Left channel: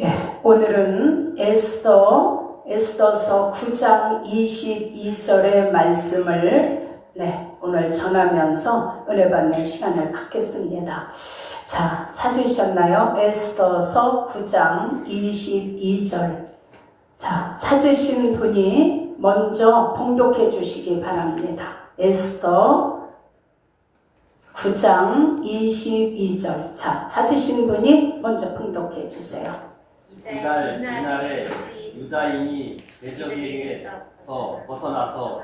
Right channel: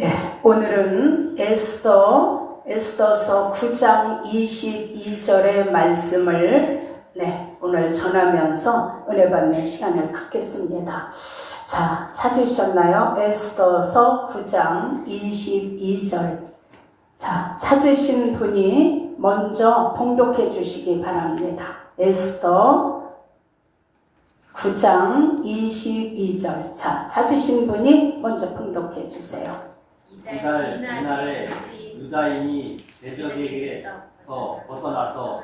예, 오늘은 에스더서 9장 22절의 말씀을 오늘 전하면서 은혜 받는 시간을 갖겠습니다. 자, 찾으셨나요? 에스더서 9장 22절. 자, 찾으신 분이 먼저 봉독해 주시기 바랍니다. 에스더 9장 22절. 자, 찾으신 분이 먼저 봉독해 주세요. 이날에 유다인이 대적에게서 벗어나서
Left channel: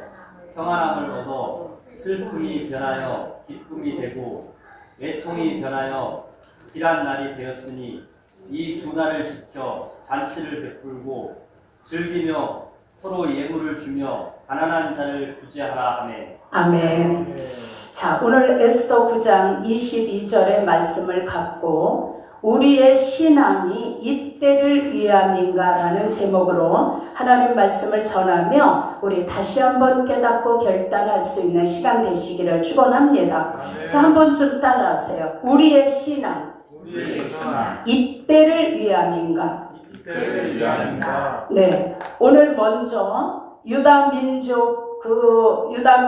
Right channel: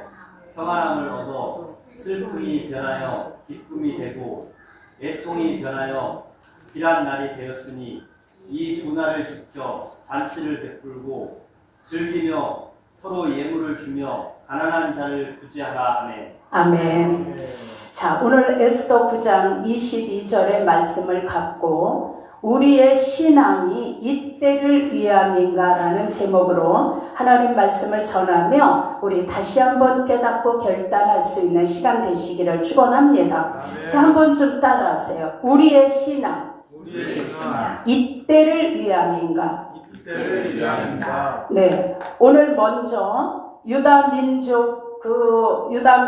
평안함을 얻어 슬픔이 변하여 기쁨이 되고 애통이 변하여 길한 날이 되었으니 이 두 날을 지켜 잔치를 베풀고 즐기며 서로 예물을 주며 가난한 자를 구제하라 하네. 아멘. 자, 오늘 에스더 9장 22절의 말씀을 갖고 우리의 신앙이 이때를 위함인가라는 제목으로 하나님 말씀을 전하며 우리 다시 한번 깨닫고 결단할 수 있는 시간 되시기를 축원합니다. 자, 한번 좀 따라하세요. 우리의 신앙 이때를 위함인가? 네, 오늘 먼저 유다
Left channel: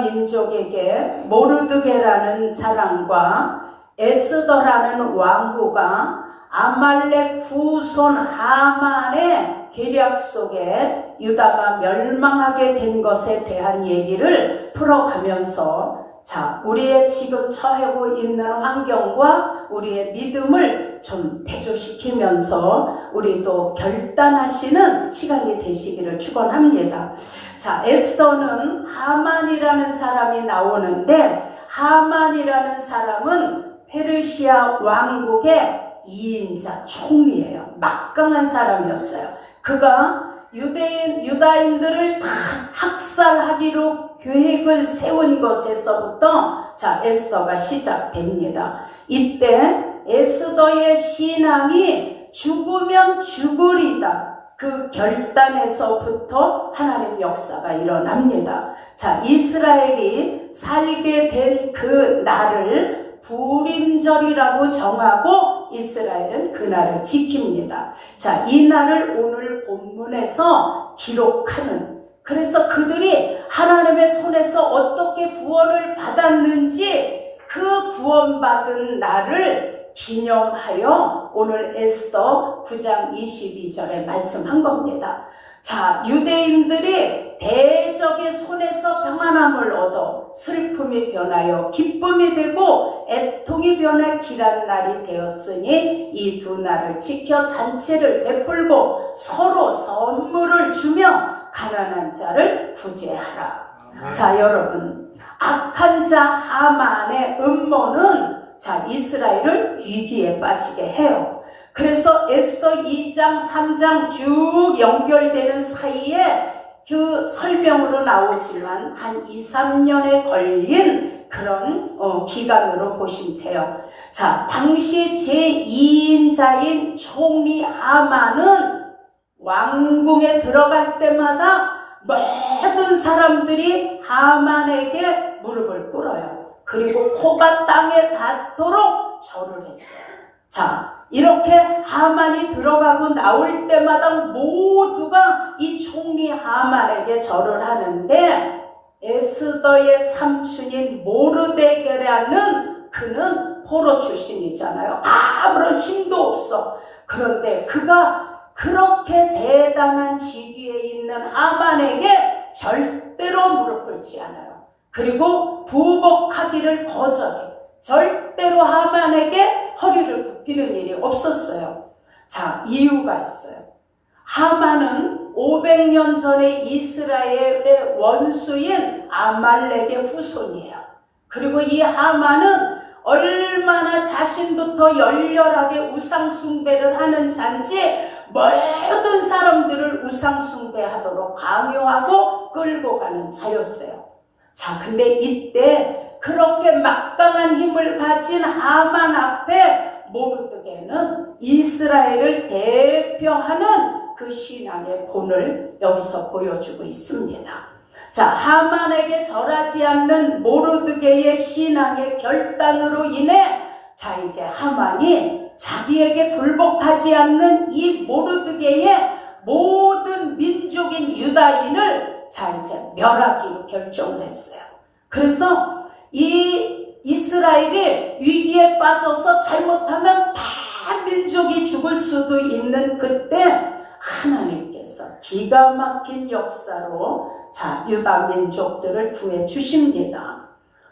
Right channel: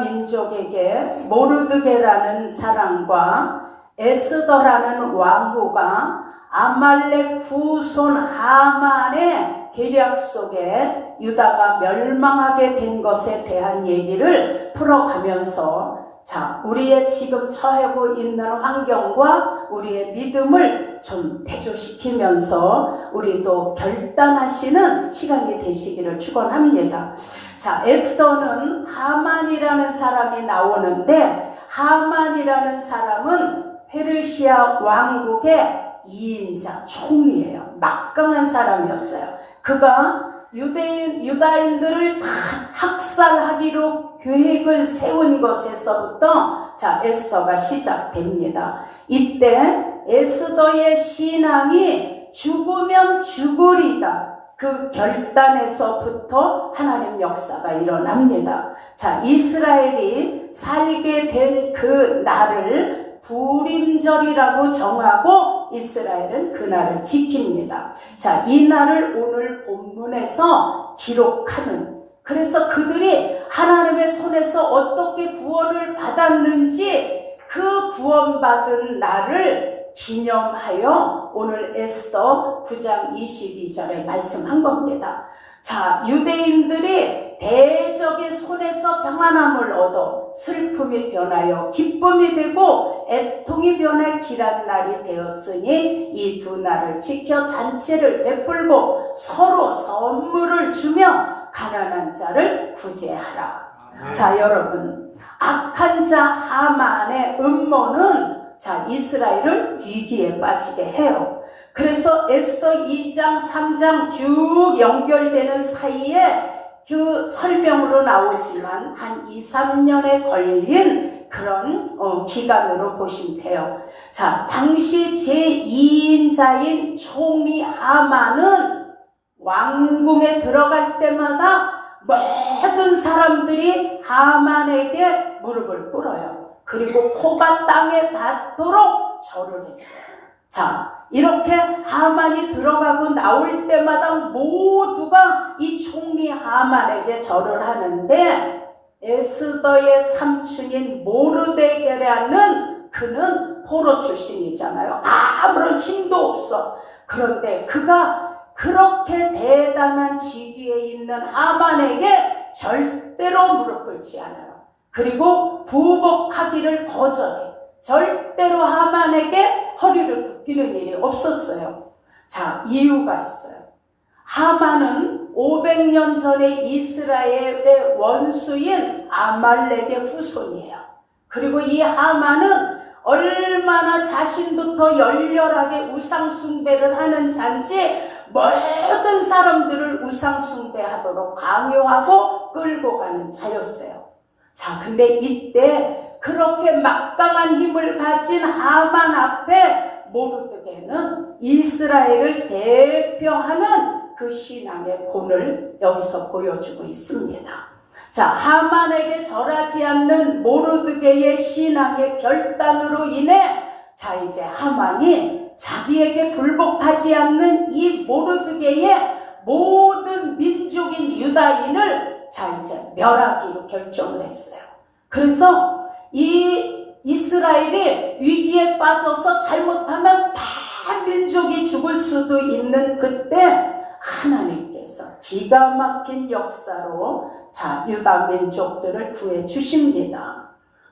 민족에게 모르드게라는 사람과 에스더라는 왕후가 아말렉 후손 하만의 계략 속에 유다가 멸망하게 된 것에 대한 얘기를 풀어가면서 자, 우리의 지금 처하고 있는 환경과 우리의 믿음을 좀 대조시키면서 우리도 결단하시는 시간이 되시기를 축원합니다. 자, 에스더는 하만이라는 사람이 나오는데 하만이라는 사람은 페르시아 왕국의 2인자 총리예요. 막강한 사람이었어요. 그가 유다인들을 다 학살하기로 계획을 세운 것에서부터 자, 에스더가 시작됩니다. 이때 에스더의 신앙이 죽으면 죽으리다. 그 결단에서부터 하나님 역사가 일어납니다. 자, 이스라엘이 살게 된 그 날을 부림절이라고 정하고 이스라엘은 그 날을 지킵니다. 자, 이 날을 오늘 본문에서 기록하는, 그래서 그들이 하나님의 손에서 어떻게 구원을 받았는지 그 구원받은 날을 기념하여 오늘 에스더 9장 22절에 말씀한 겁니다. 자, 유대인들이 대적의 손에서 평안함을 얻어 슬픔이 변하여 기쁨이 되고 애통이 변해 길한 날이 되었으니 이 두 날을 지켜 잔치를 베풀고 서로 선물을 주며 가난한 자를 구제하라. 자, 여러분, 악한 자 하만의 음모는 자, 이스라엘을 위기에 빠지게 해요. 그래서 에스더 2장 3장 쭉 연결되는 사이에 그 설명으로 나오지만 한 2, 3년에 걸린 그런 기간으로 보시면 돼요. 자, 당시 제2인자인 총리 하만은 왕궁에 들어갈 때마다 모든 사람들이 하만에게 무릎을 꿇어요. 그리고 코가 땅에 닿도록 절을 했어요. 자, 이렇게 하만이 들어가고 나올 때마다 모두가 이 총리 하만에게 절을 하는데 에스더의 삼촌인 모르드게라는 그는 포로 출신이잖아요. 아무런 힘도 없어. 그런데 그가 그렇게 대단한 직위에 있는 하만에게 절대로 무릎 꿇지 않아요. 그리고 부복하기를 거절해. 절대로 하만에게 허리를 굽히는 일이 없었어요. 자, 이유가 있어요. 하만은 500년 전에 이스라엘의 원수인 아말렉의 후손이에요. 그리고 이 하만은 얼마나 자신부터 열렬하게 우상숭배를 하는 자인지 모든 사람들을 우상숭배하도록 강요하고 끌고 가는 자였어요. 자, 근데 이때 그렇게 막강한 힘을 가진 하만 앞에 모르드게는 이스라엘을 대표하는 그 신앙의 본을 여기서 보여주고 있습니다. 자, 하만에게 절하지 않는 모르드게의 신앙의 결단으로 인해 자, 이제 하만이 자기에게 굴복하지 않는 이 모르드게의 모든 민족인 유다인을 자 이제 멸하기로 결정을 했어요. 그래서 이 이스라엘이 위기에 빠져서 잘못하면 다 민족이 죽을 수도 있는 그때 하나님께서 기가 막힌 역사로 자 유다 민족들을 구해 주십니다.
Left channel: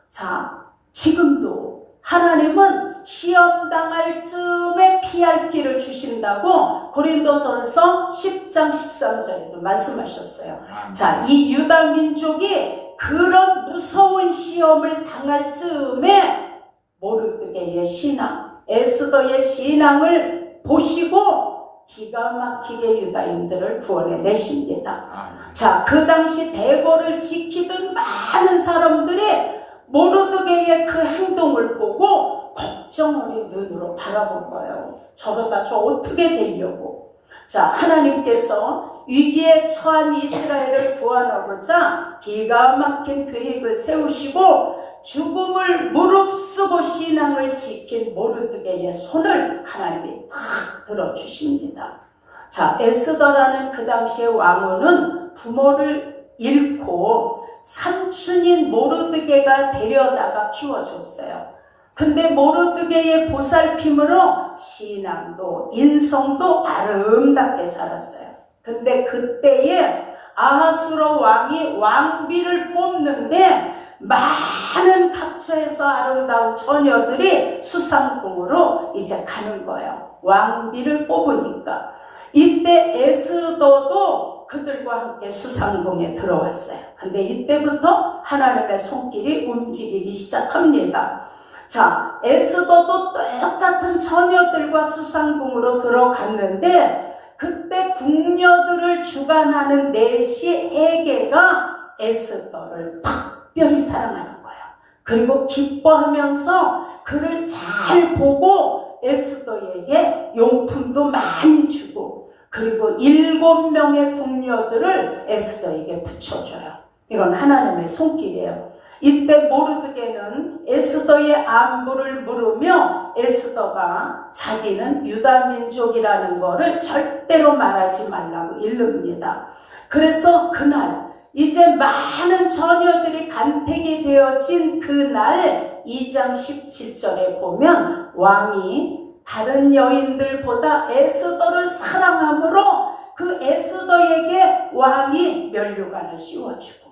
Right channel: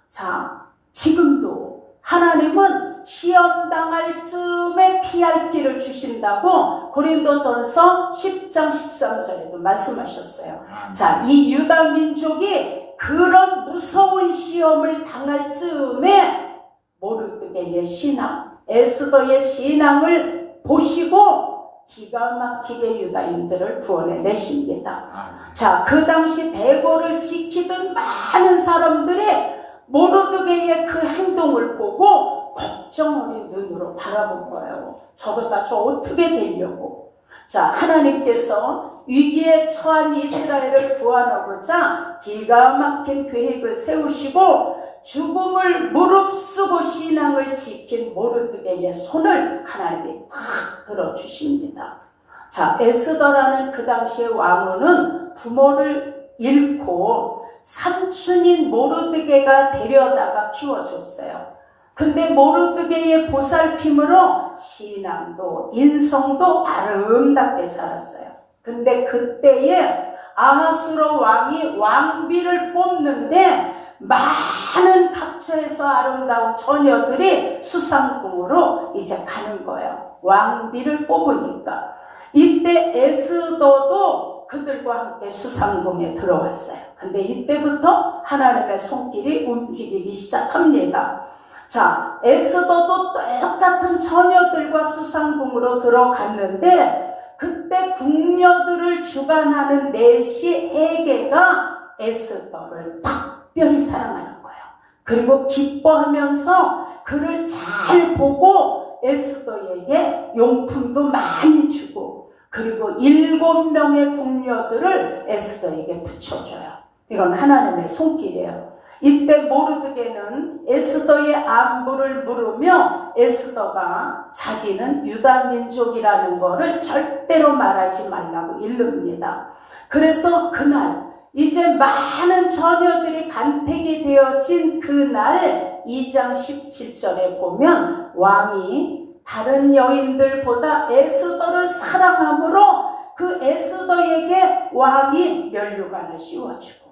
자 지금도 하나님은 시험 당할 즈음에 피할 길을 주신다고 고린도전서 10장 13절에도 말씀하셨어요. 자, 이 유다 민족이 그런 무서운 시험을 당할 즈음에 모르드게의 신앙, 에스더의 신앙을 보시고 기가 막히게 유다인들을 구원해 내십니다. 자, 그 당시 대궐을 지키던 많은 사람들이 모르드게의 그 행동을 보고 걱정 어린 눈으로 바라본 거예요. 저러다 저 어떻게 되려고. 자, 하나님께서 위기에 처한 이스라엘을 구하고자 기가 막힌 계획을 세우시고 죽음을 무릅쓰고 신앙을 지킨 모르드게의 손을 하나님이 탁 들어주십니다. 자, 에스더라는 그 당시의 왕후는 부모를 잃고 삼촌인 모르드게가 데려다가 키워줬어요. 근데 모르드게의 보살핌으로 신앙도 인성도 아름답게 자랐어요. 근데 그때에 아하수로 왕이 왕비를 뽑는데 많은 각처에서 아름다운 처녀들이 수상궁으로 이제 가는 거예요. 왕비를 뽑으니까. 이때 에스더도 그들과 함께 수상궁에 들어왔어요. 근데 이때부터 하나님의 손길이 움직이기 시작합니다. 자, 에스더도 똑같은 처녀들과 수상궁으로 들어갔는데 그때 궁녀들을 주관하는 내시 헤게가 에스더를 특별히 사랑하는 거예요. 그리고 기뻐하면서 그를 잘 보고 에스더에게 용품도 많이 주고 그리고 7명의 궁녀들을 에스더에게 붙여줘요. 이건 하나님의 손길이에요. 이때 모르드게는 에스더의 안부를 물으며 에스더가 자기는 유다 민족이라는 것을 절대로 말하지 말라고 일릅니다. 그래서 그날 이제 많은 처녀들이 간택이 되어진 그날 2장 17절에 보면 왕이 다른 여인들보다 에스더를 사랑함으로 그 에스더에게 왕이 면류관을 씌워주고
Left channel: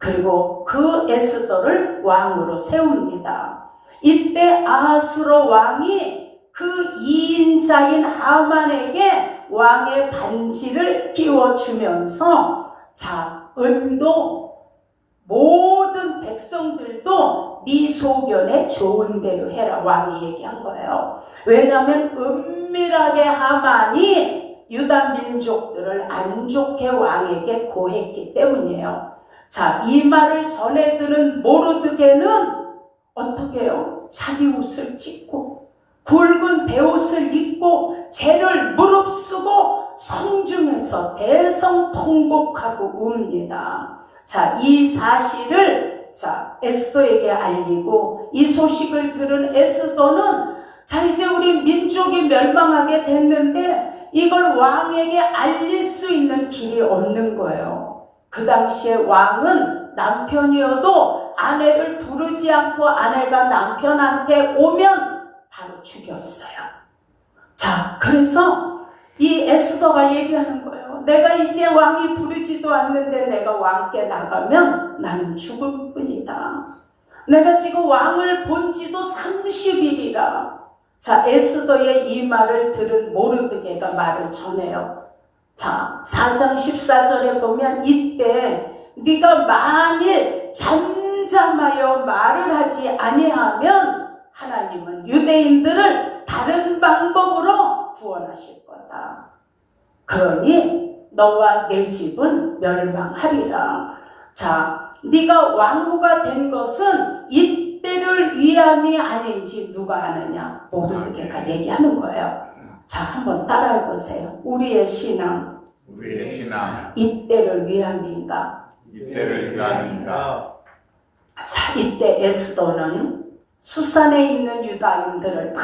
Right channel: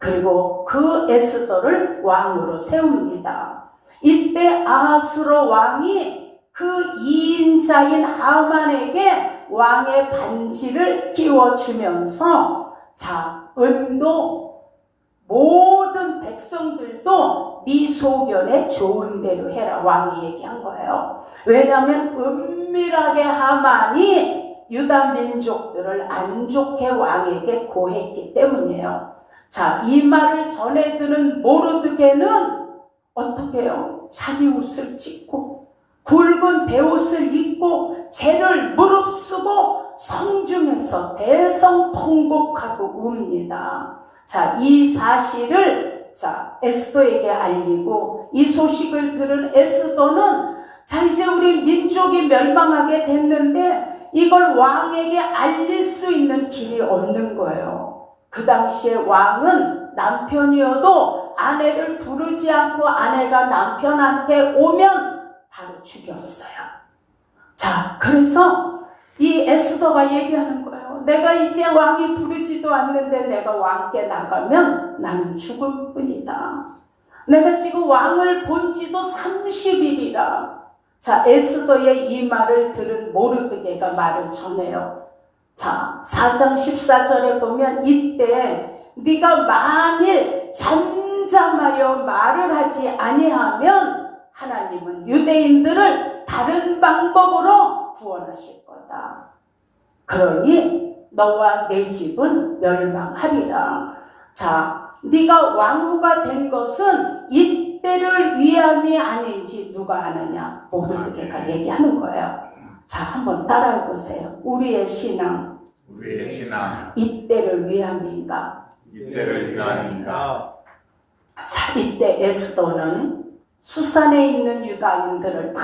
그리고 그 에스더를 왕으로 세웁니다. 이때 아하수로 왕이 그 2인자인 하만에게 왕의 반지를 끼워주면서 자, 은도 모든 백성들도 네 소견에 좋은 대로 해라 왕이 얘기한 거예요. 왜냐하면 은밀하게 하만이 유다 민족들을 안 좋게 왕에게 고했기 때문이에요. 자, 이 말을 전해 들은 모르드게는 어떻게 해요? 자기 옷을 찢고 굵은 베옷을 입고 죄를 무릅쓰고 성중에서 대성통곡하고 웁니다. 자, 이 사실을 자 에스더에게 알리고 이 소식을 들은 에스더는 자 이제 우리 민족이 멸망하게 됐는데 이걸 왕에게 알릴 수 있는 길이 없는 거예요. 그 당시에 왕은 남편이어도 아내를 부르지 않고 아내가 남편한테 오면 바로 죽였어요. 자, 그래서 이 에스더가 얘기하는 거예요. 내가 이제 왕이 부르지도 않는데 내가 왕께 나가면 나는 죽을 뿐이다. 내가 지금 왕을 본 지도 30일이라. 자, 에스더의 이 말을 들은 모르드게가 말을 전해요. 자, 4장 14절에 보면 이때 네가 만일 잠잠하여 말을 하지 아니하면 하나님은 유대인들을 다른 방법으로 구원하실 거다. 그러니 너와 내 집은 멸망하리라. 자, 네가 왕후가 된 것은 이때를 위함이 아닌지 누가 아느냐? 모르드게가 얘기하는 거예요. 자, 한번 따라해 보세요. 우리의 신앙 이때를 위함인가? 이때를 위함인가? 자, 이때 에스더는 수산에 있는 유다인들을 다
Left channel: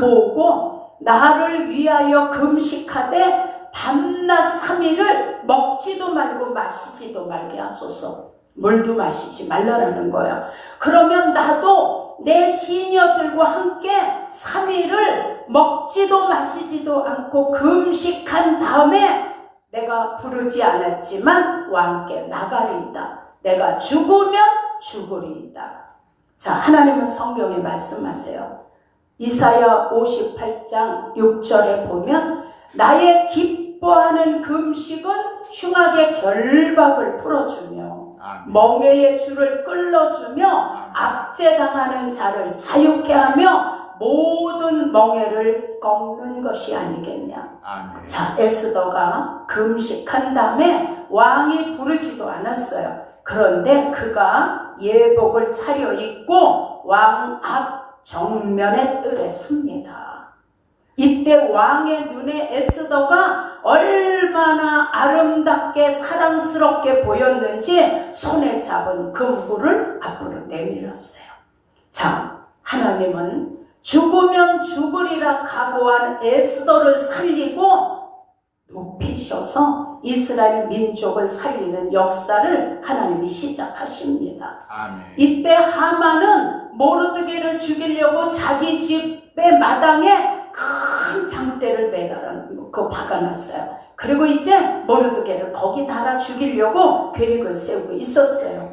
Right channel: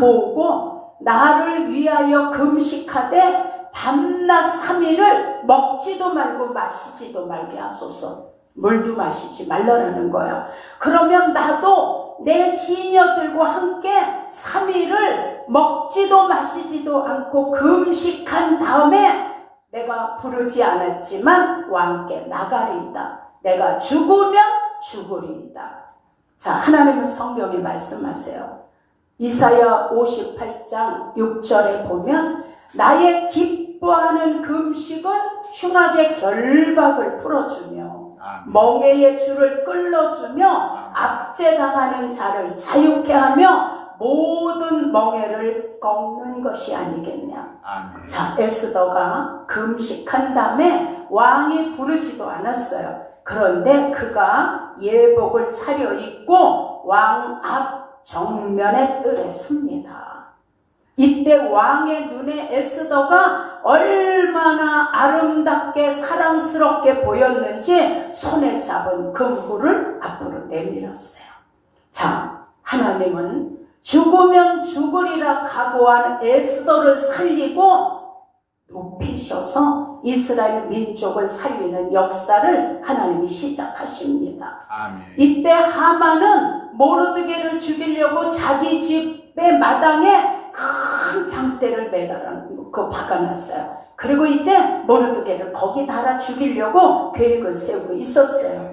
모으고 나를 위하여 금식하되 밤낮 3일을 먹지도 말고 마시지도 말게 하소서. 물도 마시지 말라는 거야. 그러면 나도 내 시녀들과 함께 3일을 먹지도 마시지도 않고 금식한 다음에 내가 부르지 않았지만 왕께 나가리이다. 내가 죽으면 죽으리이다. 자, 하나님은 성경에 말씀하세요. 이사야 58장 6절에 보면 나의 기뻐하는 금식은 흉악의 결박을 풀어주며 멍에의 줄을 끌어주며 압제당하는 자를 자유케 하며 모든 멍에를 꺾는 것이 아니겠냐. 자, 에스더가 금식한 다음에 왕이 부르지도 않았어요. 그런데 그가 예복을 차려입고 왕 앞 정면에 뜰에 섭니다. 이때 왕의 눈에 에스더가 얼마나 아름답게 사랑스럽게 보였는지 손에 잡은 금구를 앞으로 내밀었어요. 자, 하나님은 죽으면 죽으리라 각오한 에스더를 살리고 높이셔서 이스라엘 민족을 살리는 역사를 하나님이 시작하십니다. 아멘. 이때 하만은 모르드게를 죽이려고 자기 집의 마당에 큰 장대를 매달아놓고 박아놨어요. 그리고 이제 모르드게를 거기 달아 죽이려고 계획을 세우고 있었어요.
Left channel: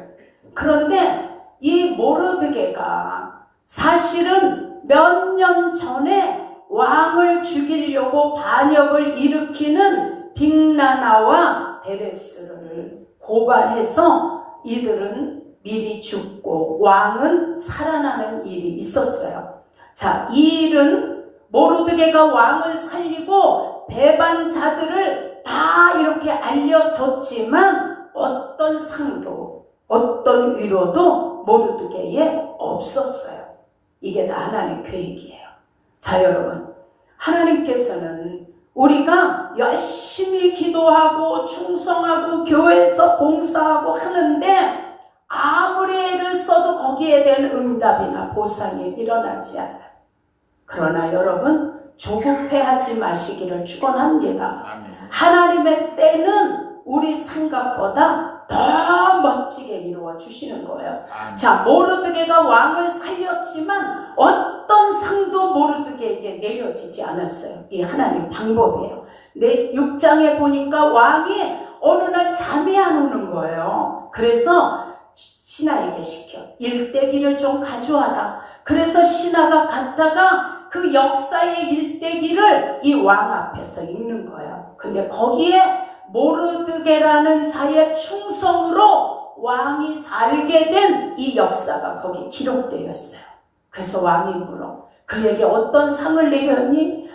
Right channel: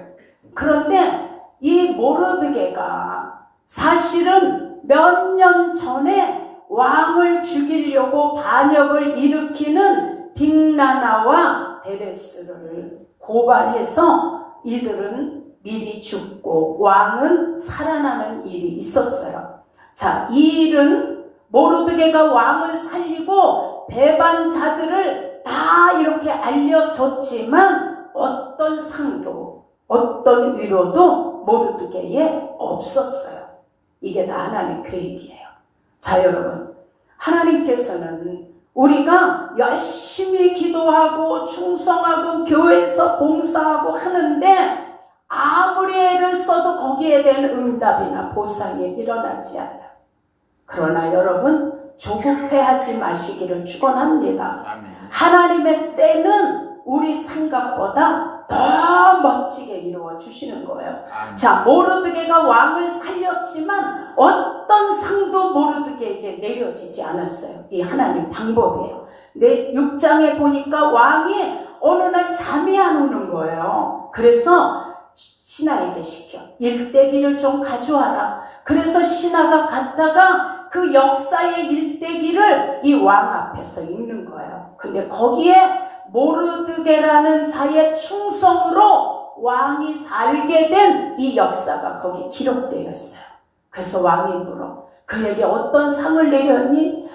그런데 이 모르드게가 사실은 몇 년 전에 왕을 죽이려고 반역을 일으키는 빅나나와 베레스를 고발해서 이들은 미리 죽고 왕은 살아나는 일이 있었어요. 자, 이 일은 모르드게가 왕을 살리고 배반자들을 다 이렇게 알려줬지만 어떤 상도 어떤 위로도 모르드게에 없었어요. 이게 다 하나님의 계획이에요. 자, 여러분, 하나님께서는 우리가 열심히 기도하고 충성하고 교회에서 봉사하고 하는데 아무리 애를 써도 거기에 대한 응답이나 보상이 일어나지 않아요. 그러나 여러분, 조급해하지 마시기를 축원합니다. 하나님의 때는 우리 생각보다 더 멋지게 이루어 주시는 거예요. 자, 모르드게가 왕을 살렸지만 어떤 상도 모르드게에게 내려지지 않았어요. 이 하나님 방법이에요. 내 6장에 보니까 왕이 어느 날 잠이 안 오는 거예요. 그래서 신하에게 시켜 일대기를 좀 가져와라. 그래서 신하가 갔다가 그 역사의 일대기를 이 왕 앞에서 읽는 거예요. 근데 거기에 모르드게라는 자의 충성으로 왕이 살게 된 이 역사가 거기 기록되어 있어요. 그래서 왕이 물어, 그에게 어떤 상을 내렸니?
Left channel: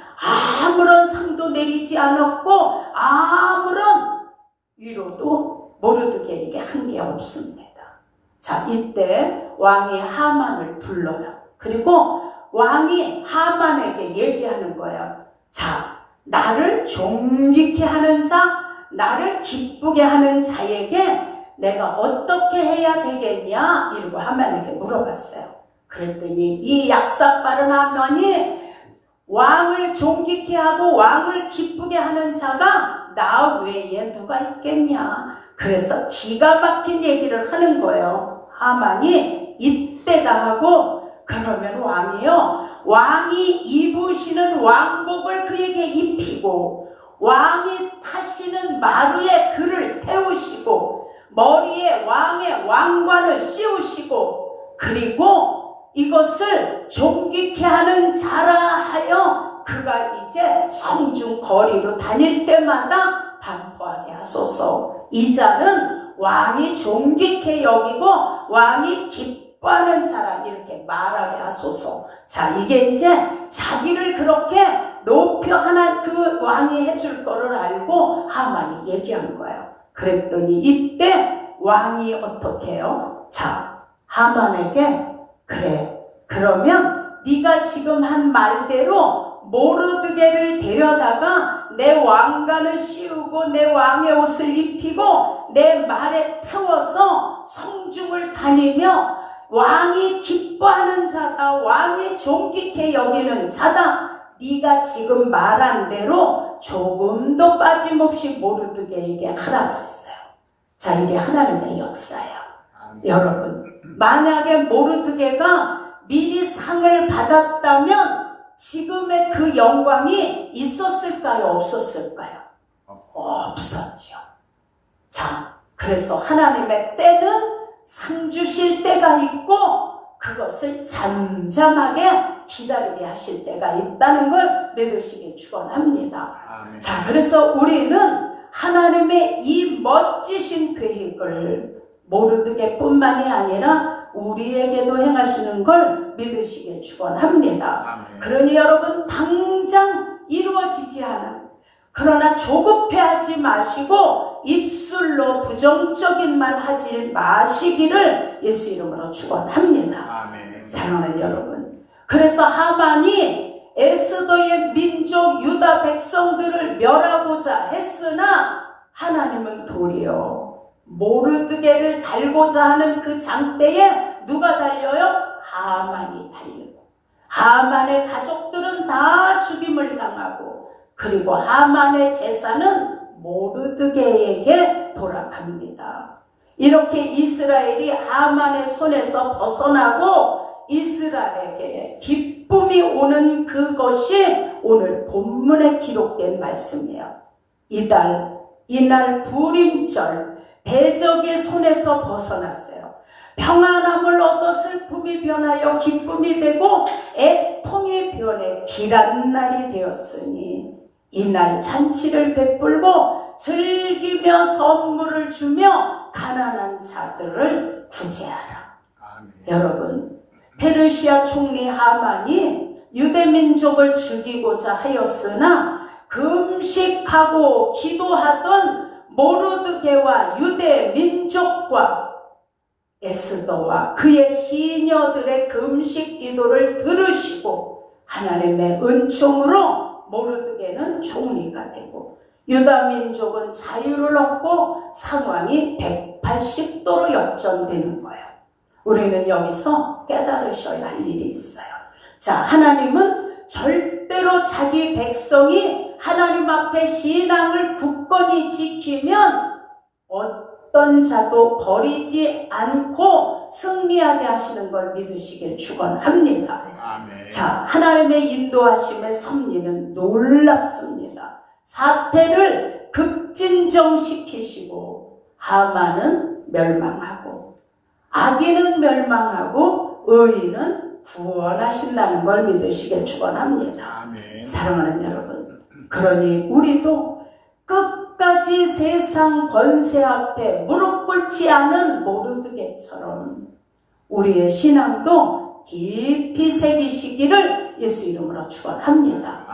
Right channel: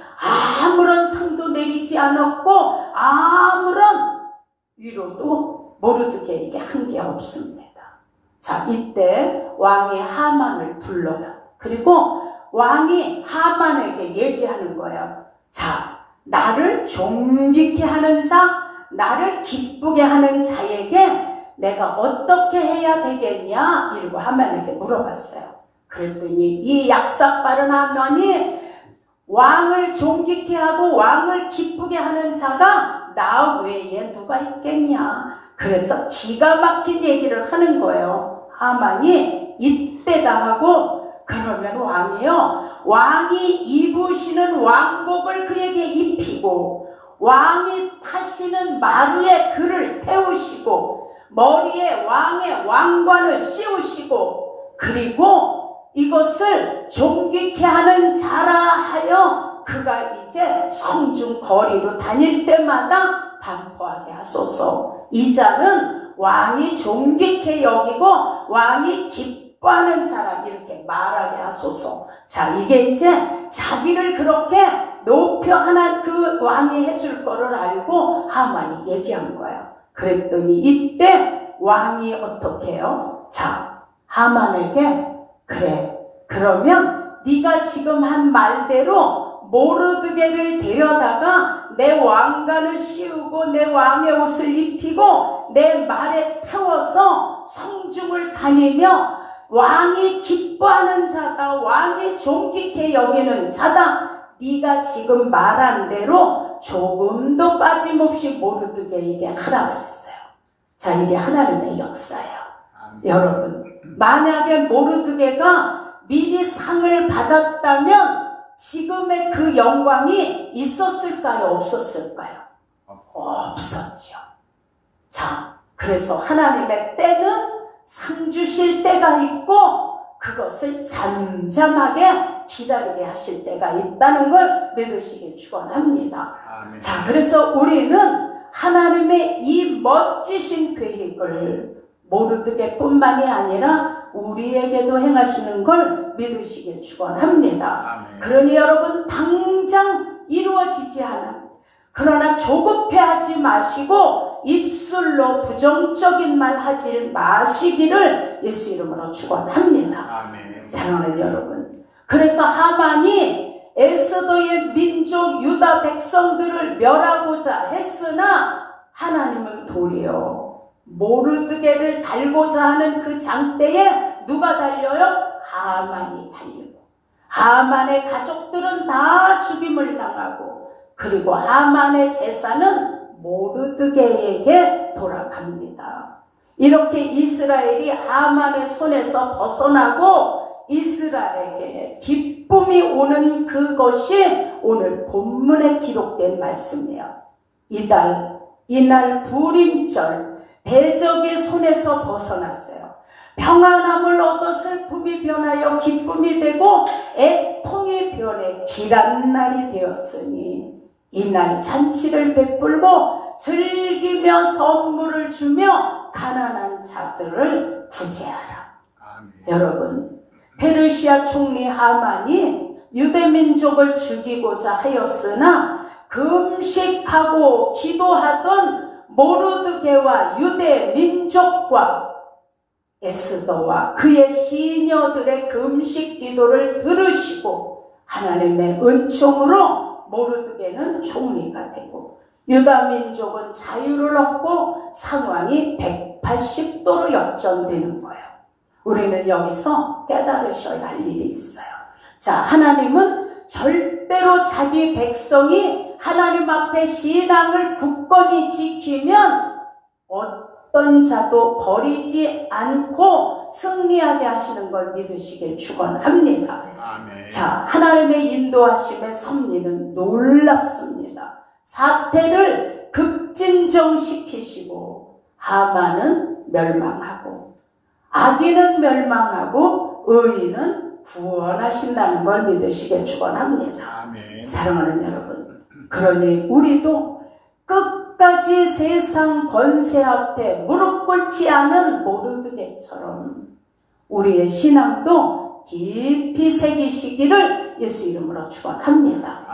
아무런 상도 내리지 않았고 아무런 위로도 모르드게에게 한 게 없습니다. 자, 이때 왕이 하만을 불러요. 그리고 왕이 하만에게 얘기하는 거예요. 자, 나를 존귀케 하는 자, 나를 기쁘게 하는 자에게 내가 어떻게 해야 되겠냐? 이러고 하만에게 물어봤어요. 그랬더니 이 약삭 빠른 하만이 왕을 존귀케 하고 왕을 기쁘게 하는 자가 나 외에 누가 있겠냐? 그래서 기가 막힌 얘기를 하는 거예요. 하만이 이때다 하고, 그러면 왕이요, 왕이 입으시는 왕복을 그에게 입히고 왕이 타시는 마루에 그를 태우시고 머리에 왕의 왕관을 씌우시고 그리고 이것을 존귀케 하는 자라 하여 그가 이제 성중 거리로 다닐 때마다 반포하게 하소서. 이 자는 왕이 존귀케 여기고 왕이 기뻐하는 자라 이렇게 말하게 하소서. 자, 이게 이제 자기를 그렇게 높여 하나 그 왕이 해줄 거를 알고 하만이 얘기한 거예요. 그랬더니 이때 왕이 어떻게 해요? 자, 하만에게 그래, 그러면 네가 지금 한 말대로 모르드게를 데려다가 내 왕관을 씌우고 내 왕의 옷을 입히고 내 말에 태워서 성중을 다니며 왕이 기뻐하는 자가 왕이 존귀케 여기는 자다. 네가 지금 말한 대로 조금도 빠짐없이 모르드게에게 하라 그랬어요. 자, 이게 하나님의 역사예요. 여러분, 만약에 모르드게가 미리 상을 받았다면 지금의 그 영광이 있었을까요? 없었을까요? 없었죠. 자, 그래서 하나님의 때는 상 주실 때가 있고 그것을 잠잠하게 기다리게 하실 때가 있다는 걸 믿으시길 축원합니다. 자, 그래서 우리는 하나님의 이 멋지신 계획을 모르드게뿐만이 아니라 우리에게도 행하시는 걸 믿으시길 축원합니다. 그러니 여러분, 당장 이루어지지 않은, 그러나 조급해하지 마시고 입술로 부정적인 말 하지 마시기를 예수 이름으로 축원합니다. 사랑하는 여러분, 그래서 하만이 에스더의 민족 유다 백성들을 멸하고자 했으나 하나님은 도리어 모르드게를 달고자 하는 그 장대에 누가 달려요? 하만이 달리고, 하만의 가족들은 다 죽임을 당하고, 그리고 하만의 재산은 모르드게에게 돌아갑니다. 이렇게 이스라엘이 하만의 손에서 벗어나고 이스라엘에게 기쁨이 오는 그것이 오늘 본문에 기록된 말씀이에요. 이날 부림절 대적의 손에서 벗어났어요. 평안함을 얻어 슬픔이 변하여 기쁨이 되고 애통이 변해 길한 날이 되었으니 이날 잔치를 베풀고 즐기며 선물을 주며 가난한 자들을 구제하라. 여러분, 페르시아 총리 하만이 유대민족을 죽이고자 하였으나 금식하고 기도하던 모르드게와 유대민족과 에스더와 그의 시녀들의 금식 기도를 들으시고 하나님의 은총으로 모르드게는 총리가 되고 유다민족은 자유를 얻고 상황이 180도로 역전되는 거예요. 우리는 여기서 깨달으셔야 할 일이 있어요. 자, 하나님은 절대로 자기 백성이 하나님 앞에 신앙을 굳건히 지키면 어떤 자도 버리지 않고 승리하게 하시는 걸 믿으시길 축원합니다. 자, 하나님의 인도하심의 섭리는 놀랍습니다. 사태를 급진정시키시고 하만은 멸망하고 악인은 멸망하고 의인은 구원하신다는 걸 믿으시길 축원합니다. 사랑하는 여러분, 그러니 우리도 끝까지 세상 권세 앞에 무릎 꿇지 않은 모르드게처럼 우리의 신앙도 깊이 새기시기를 예수 이름으로 축원합니다.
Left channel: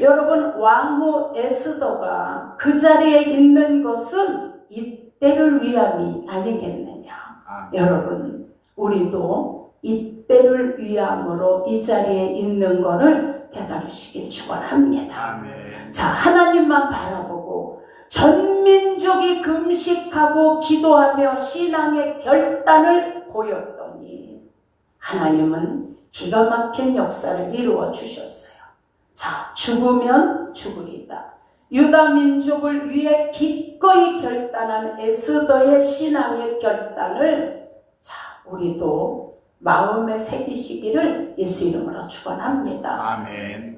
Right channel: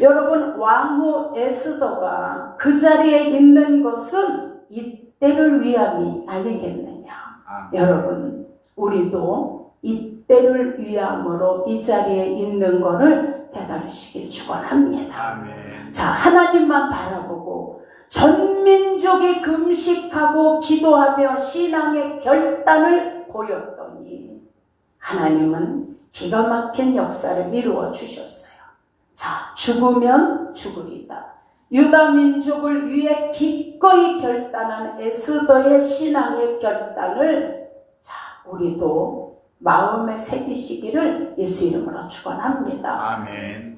여러분, 왕후 에스더가 그 자리에 있는 것은 이때를 위함이 아니겠느냐. 여러분, 우리도 이때를 위함으로 이 자리에 있는 것을 깨달으시길 축원합니다. 자, 하나님만 바라보고 전 민족이 금식하고 기도하며 신앙의 결단을 보였더니 하나님은 기가 막힌 역사를 이루어 주셨어요. 자, 죽으면 죽으리다. 유다 민족을 위해 기꺼이 결단한 에스더의 신앙의 결단을 자, 우리도 마음에 새기시기를 예수 이름으로 축원합니다.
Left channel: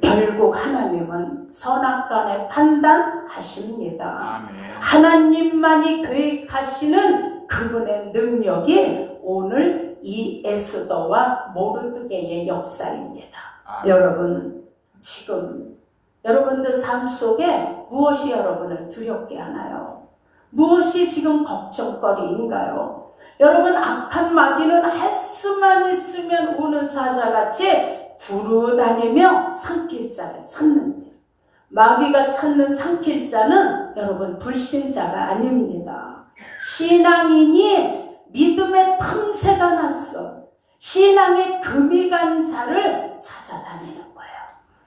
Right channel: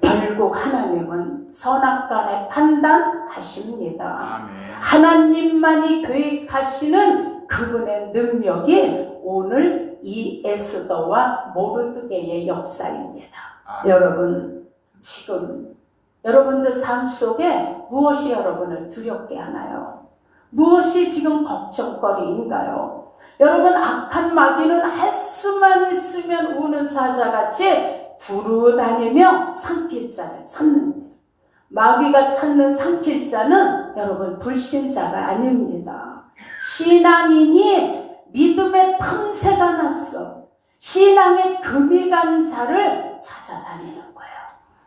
결국 하나님은 선악간에 판단하십니다. 하나님만이 계획하시는 그분의 능력이 오늘 이 에스더와 모르드게의 역사입니다. 여러분, 지금 여러분들 삶 속에 무엇이 여러분을 두렵게 하나요? 무엇이 지금 걱정거리인가요? 여러분, 악한 마귀는 할 수만 있으면 우는 사자같이 두루다니며 삼킬 자를 찾는데, 마귀가 찾는 삼킬 자는 여러분 불신자가 아닙니다. 신앙인이 믿음의 틈새가 났어 신앙의 금이 간 자를 찾아다니는 거예요.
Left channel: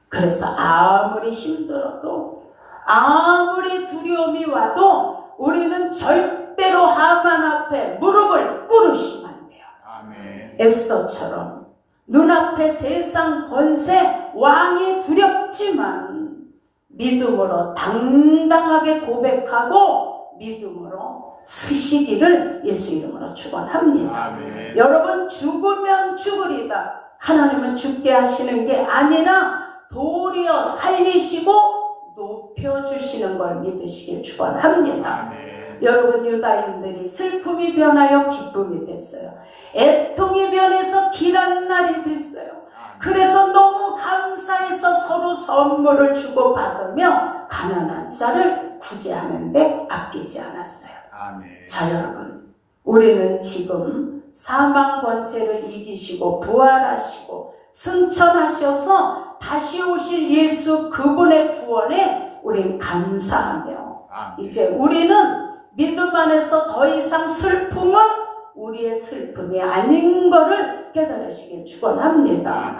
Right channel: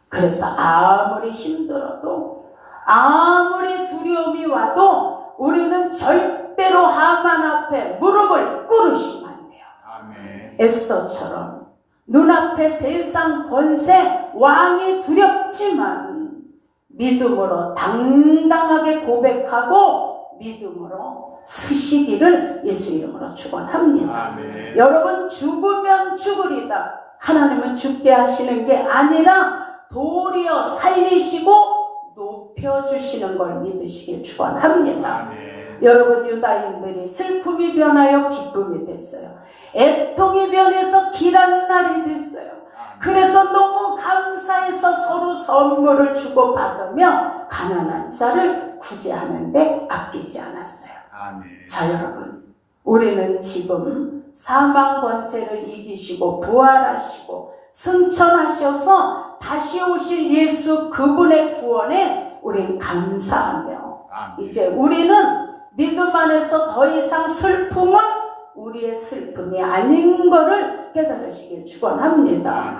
그래서 아무리 힘들어도 아무리 두려움이 와도 우리는 절대로 하만 앞에 무릎을 꿇으시면 안 돼요. 에스더처럼 눈앞에 세상 권세 왕이 두렵지만 믿음으로 당당하게 고백하고 믿음으로 서시기를 예수 이름으로 축원합니다. 아멘. 여러분 죽으면 죽으리다. 하나님은 죽게 하시는 게 아니라 도리어 살리시고 높여주시는 걸 믿으시길 축원합니다. 아멘. 여러분 유다인들이 슬픔이 변하여 기쁨이 됐어요. 애통이 변해서 길한 날이 됐어요. 그래서 너무 감사해서 서로 선물을 주고받으며 가난한 자를 구제하는데 아끼지 않았어요. 아멘. 자 여러분, 우리는 지금 사망 권세를 이기시고 부활하시고 승천하셔서 다시 오실 예수 그분의 구원에 우리는 감사하며 아멘. 이제 우리는 믿음 안에서 더 이상 슬픔은 우리의 슬픔이 아닌 것을 깨달으시길 축원합니다. 아멘.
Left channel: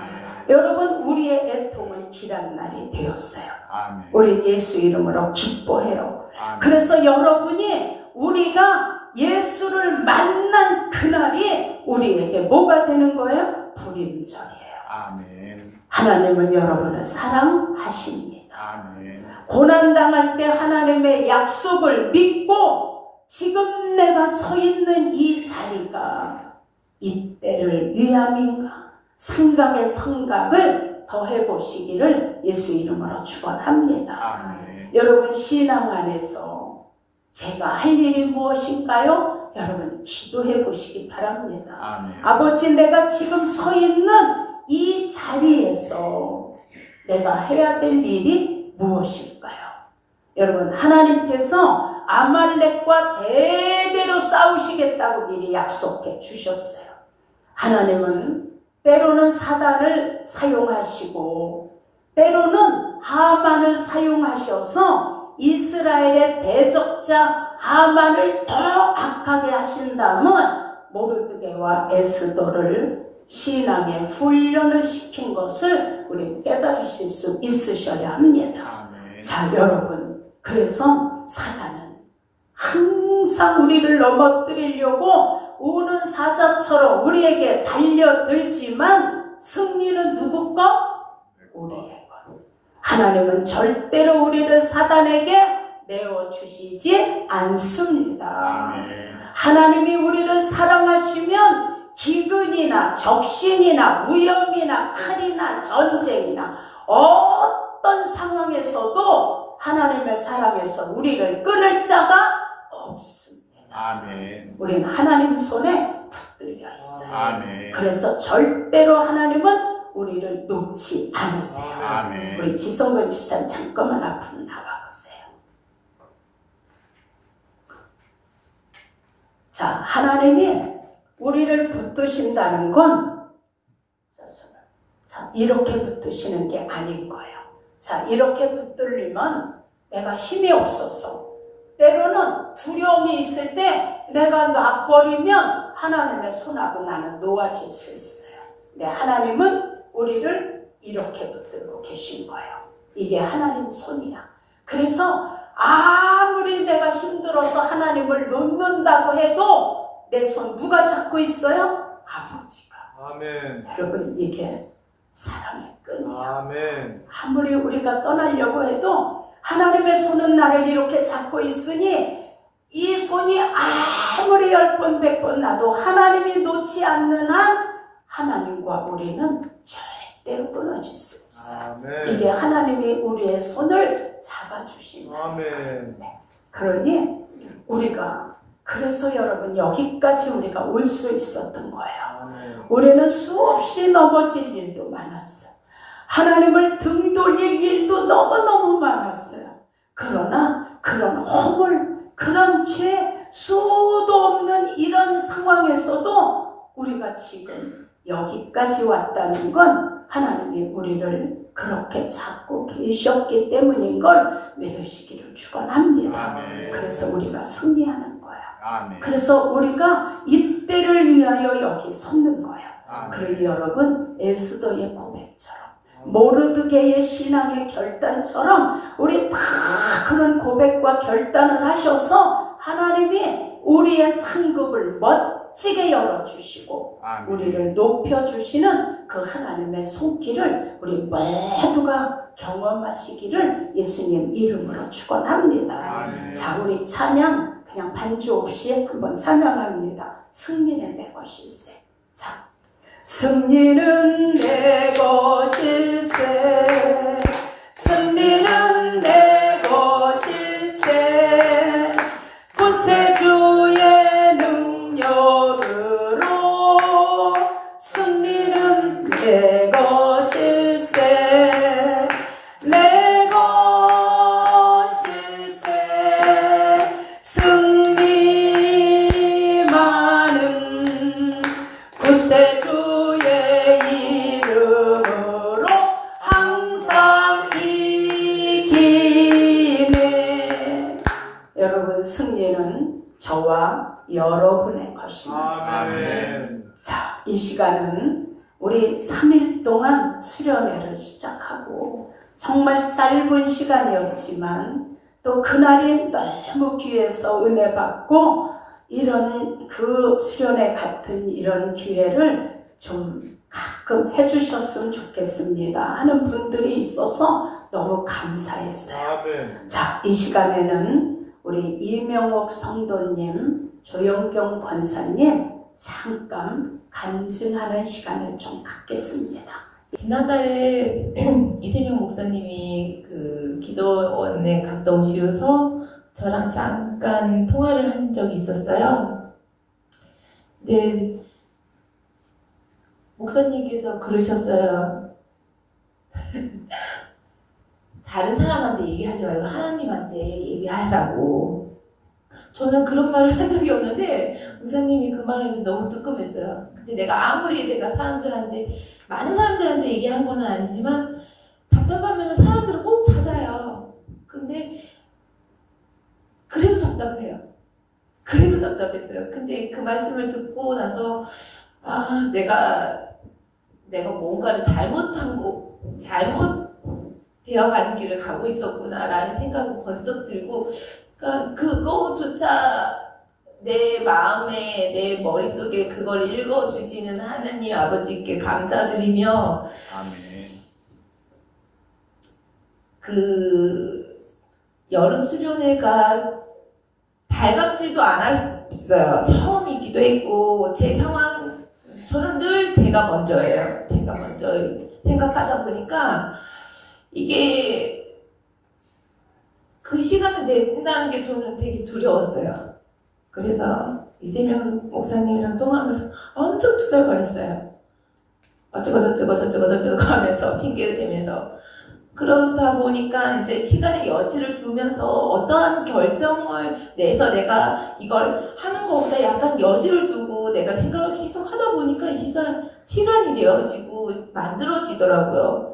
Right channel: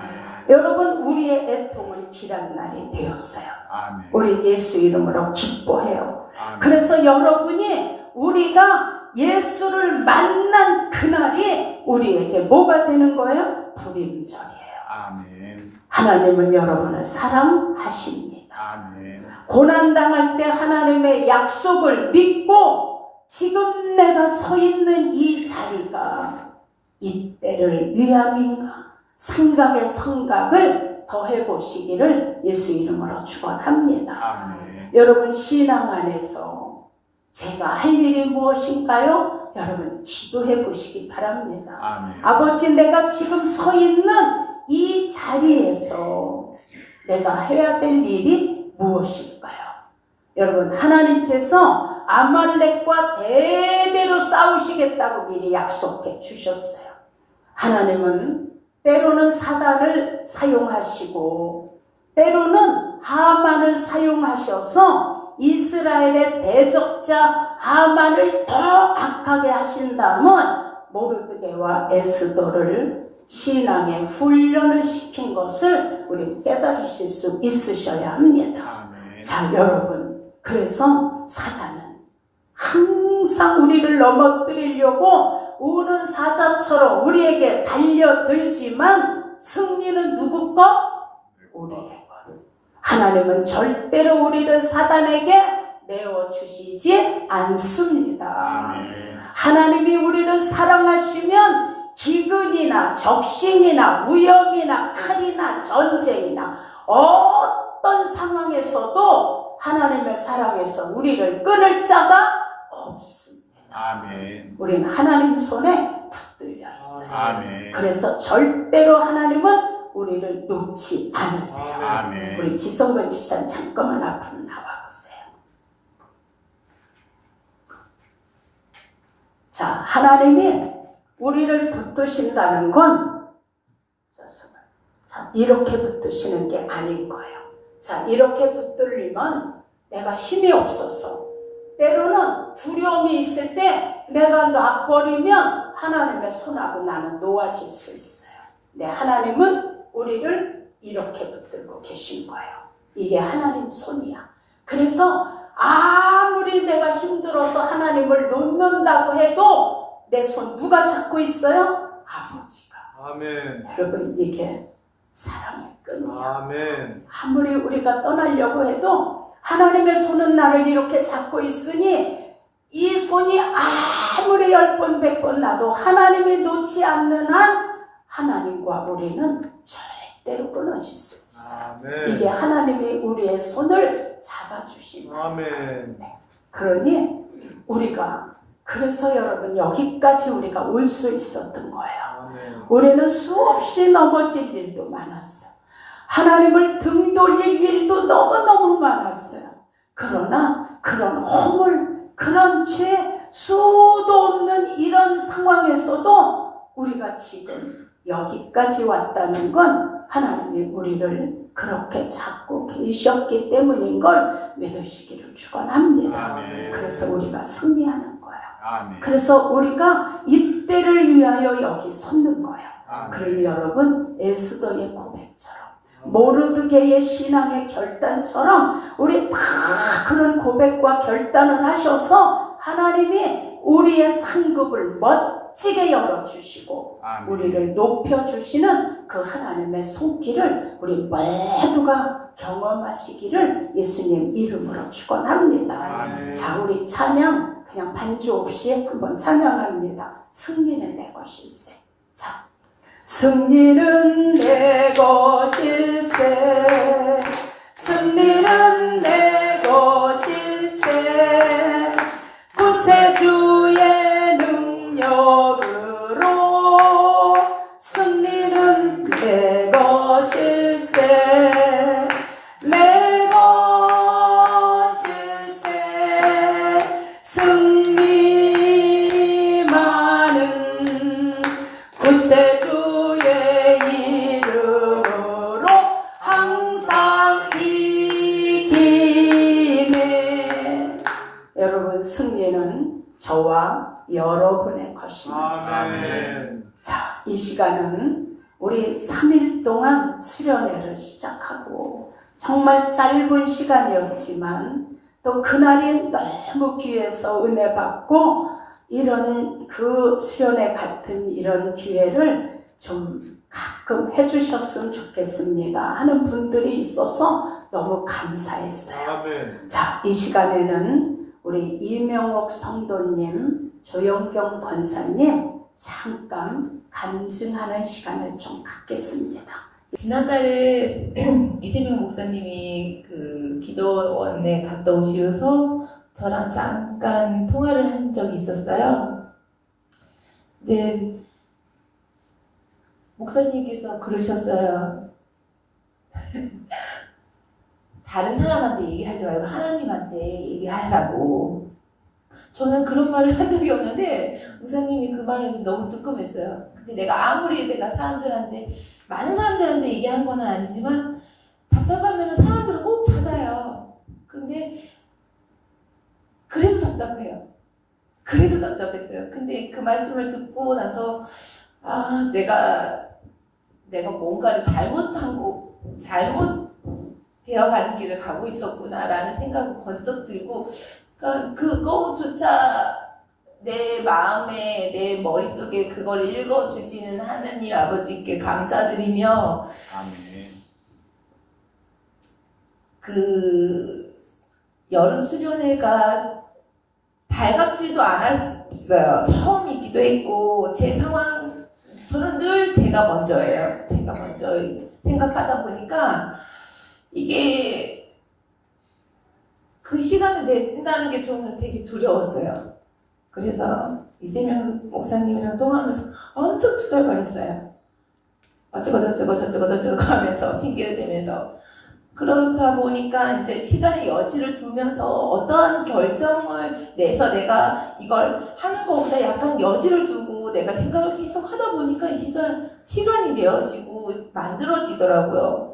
여러분 우리의 애통은 길한 날이 되었어요. 아멘. 우리 예수 이름으로 기뻐해요. 아멘. 그래서 여러분이 우리가 예수를 만난 그날이 우리에게 뭐가 되는 거예요? 불임절이에요. 아멘. 하나님은 여러분을 사랑하십니다. 아멘. 고난당할 때 하나님의 약속을 믿고 지금 내가 서 있는 이 자리가 이때를 위함인가 생각의 성각을 더해보시기를 예수 이름으로 축원합니다. 아멘. 여러분 신앙 안에서 제가 할 일이 무엇인가요? 여러분 기도해 보시기 바랍니다. 아멘. 아버지 내가 지금 서 있는 이 자리에서 내가 해야 될 일이 무엇일까요? 여러분 하나님께서 아말렉과 대대로 싸우시겠다고 미리 약속해 주셨어요. 하나님은 때로는 사단을 사용하시고 때로는 하만을 사용하셔서 이스라엘의 대적자 하만을 더 악하게 하신 다음은 모르드게와 에스더를 신앙의 훈련을 시킨 것을 우리 깨달으실 수 있으셔야 합니다. 아멘. 자 여러분, 그래서 사단은 항상 우리를 넘어뜨리려고 우는 사자처럼 우리에게 달려들지만 승리는 누구 거? 우리의 거. 하나님은 절대로 우리를 사단에게 내어주시지 않습니다. 아멘. 하나님이 우리를 사랑하시면 기근이나 적신이나 위험이나 칼이나 전쟁이나 어떤 상황에서도 하나님의 사랑에서 우리를 끊을 자가 없습니다. 아멘. 우리는 하나님 손에 붙들려 있어요. 아멘. 그래서 절대로 하나님은 우리를 놓지 않으세요. 아멘. 우리 지성근 집사님 잠깐만 앞으로 나와보세요. 자, 하나님이 우리를 붙드신다는 건 자, 이렇게 붙드시는 게 아닌 거예요. 자, 이렇게 붙들리면 내가 힘이 없어서 때로는 두려움이 있을 때 내가 놔버리면 하나님의 손하고 나는 놓아질 수 있어요. 근데 하나님은 우리를 이렇게 붙들고 계신 거예요. 이게 하나님 손이야. 그래서 아무리 내가 힘들어서 하나님을 놓는다고 해도 내 손 누가 잡고 있어요? 아버지가. 아멘. 여러분 이게 사랑의 끈이야. 아멘. 아무리 우리가 떠나려고 해도 하나님의 손은 나를 이렇게 잡고 있으니 이 손이 아무리 10번 100번 나도 하나님이 놓지 않는 한 하나님과 우리는 절대로 끊어질 수 없어요. 아멘. 이게 하나님이 우리의 손을 잡아주신 거예요. 아멘. 그러니 우리가 그래서 여러분 여기까지 우리가 올 수 있었던 거예요. 아멘. 우리는 수없이 넘어질 일도 많았어요. 하나님을 등 돌릴 일도 너무너무 많았어요. 그러나 그런 허물, 그런 죄, 수도 없는 이런 상황에서도 우리가 지금 여기까지 왔다는 건 하나님이 우리를 그렇게 잡고 계셨기 때문인 걸 믿으시기를 축원합니다. 아멘. 그래서 우리가 승리하는 거예요. 아멘. 그래서 우리가 이때를 위하여 여기 섰는 거예요. 아멘. 그러니 여러분 에스더의 고백처럼 모르드게의 신앙의 결단처럼 우리 다 그런 고백과 결단을 하셔서 하나님이 우리의 상급을 멋지게 열어주시고 아멘. 우리를 높여주시는 그 하나님의 손길을 우리 모두가 경험하시기를 예수님 이름으로 축원합니다. 아멘. 자, 우리 찬양 그냥 반주 없이 한번 찬양합니다. 승리는 내 것일세. 자, 승리는 내 것일세. 승리는 내 것일세. 구세주의 능력으로 승리는 내 것일세. 내 것일세. 승리만은 구세주의 이름으로 항상 이기네. 여러분, 승리는 저와 여러분의 것입니다. 아멘. 자, 이 시간은 우리 3일 동안 수련회를 시작하고 정말 짧은 시간이었지만 또 그날이 너무 귀해서 은혜 받고 이런 그 수련회 같은 이런 기회를 좀 가끔 해주셨으면 좋겠습니다 하는 분들이 있어서 너무 감사했어요. 아멘. 자, 이 시간에는 우리 이명옥 성도님, 조영경 권사님 잠깐 간증하는 시간을 좀 갖겠습니다. 지난달에 이세명 목사님이 그 기도원에 갔다 오시어서 저랑 잠깐 통화를 한 적이 있었어요. 근데 목사님께서 그러셨어요. 다른 사람한테 얘기하지 말고 하나님한테 얘기하라고. 저는 그런 말을 한 적이 없는데 목사님이 그 말을 너무 뜨끔했어요. 근데 내가 아무리 내가 사람들한테 많은 사람들한테 얘기하는 건 아니지만 답답하면 사람들을 꼭 찾아요. 근데 그래도 답답해요. 그래도 답답했어요. 근데 그 말씀을 듣고 나서 아, 내가 뭔가를 잘못 되어가는 길을 가고 있었구나라는 생각이 번쩍 들고, 그러니까 그거조차 내 마음에, 내 머릿속에 그걸 읽어주시는 하나님 아버지께 감사드리며, 아멘. 그 여름 수련회가 달갑지도 않았어요. 처음이기도 했고, 제 상황, 저는 늘 제가 먼저예요. 제가 먼저 생각하다 보니까, 이게 그 시간을 낸다는 게 저는 되게 두려웠어요. 그래서 이세명 목사님이랑 통화하면서 엄청 투덜거렸어요. 어쩌고 하면서 핑계 대면서. 그러다 보니까 이제 시간의 여지를 두면서 어떠한 결정을 내서 내가 이걸 하는 것보다 약간 여지를 두고 내가 생각을 계속 하다 보니까 이 시간이 되어지고 만들어지더라고요.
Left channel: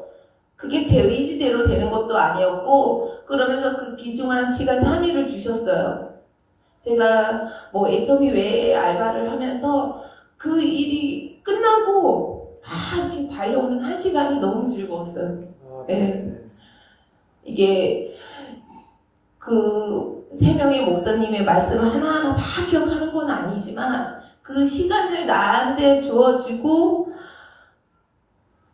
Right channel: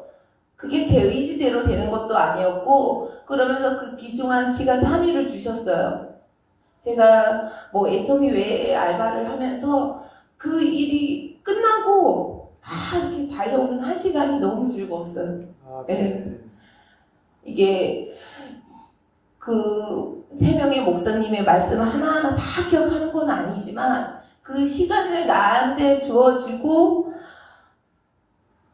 그게 제 의지대로 되는 것도 아니었고, 그러면서 그 귀중한 시간 3일을 주셨어요. 제가 뭐 애터미 외에 알바를 하면서 그 일이 끝나고 이렇게 달려오는 1시간이 너무 즐거웠어요. 네. 이게 그 3명의 목사님의 말씀을 하나하나 다 기억하는 건 아니지만 그 시간을 나한테 주어주고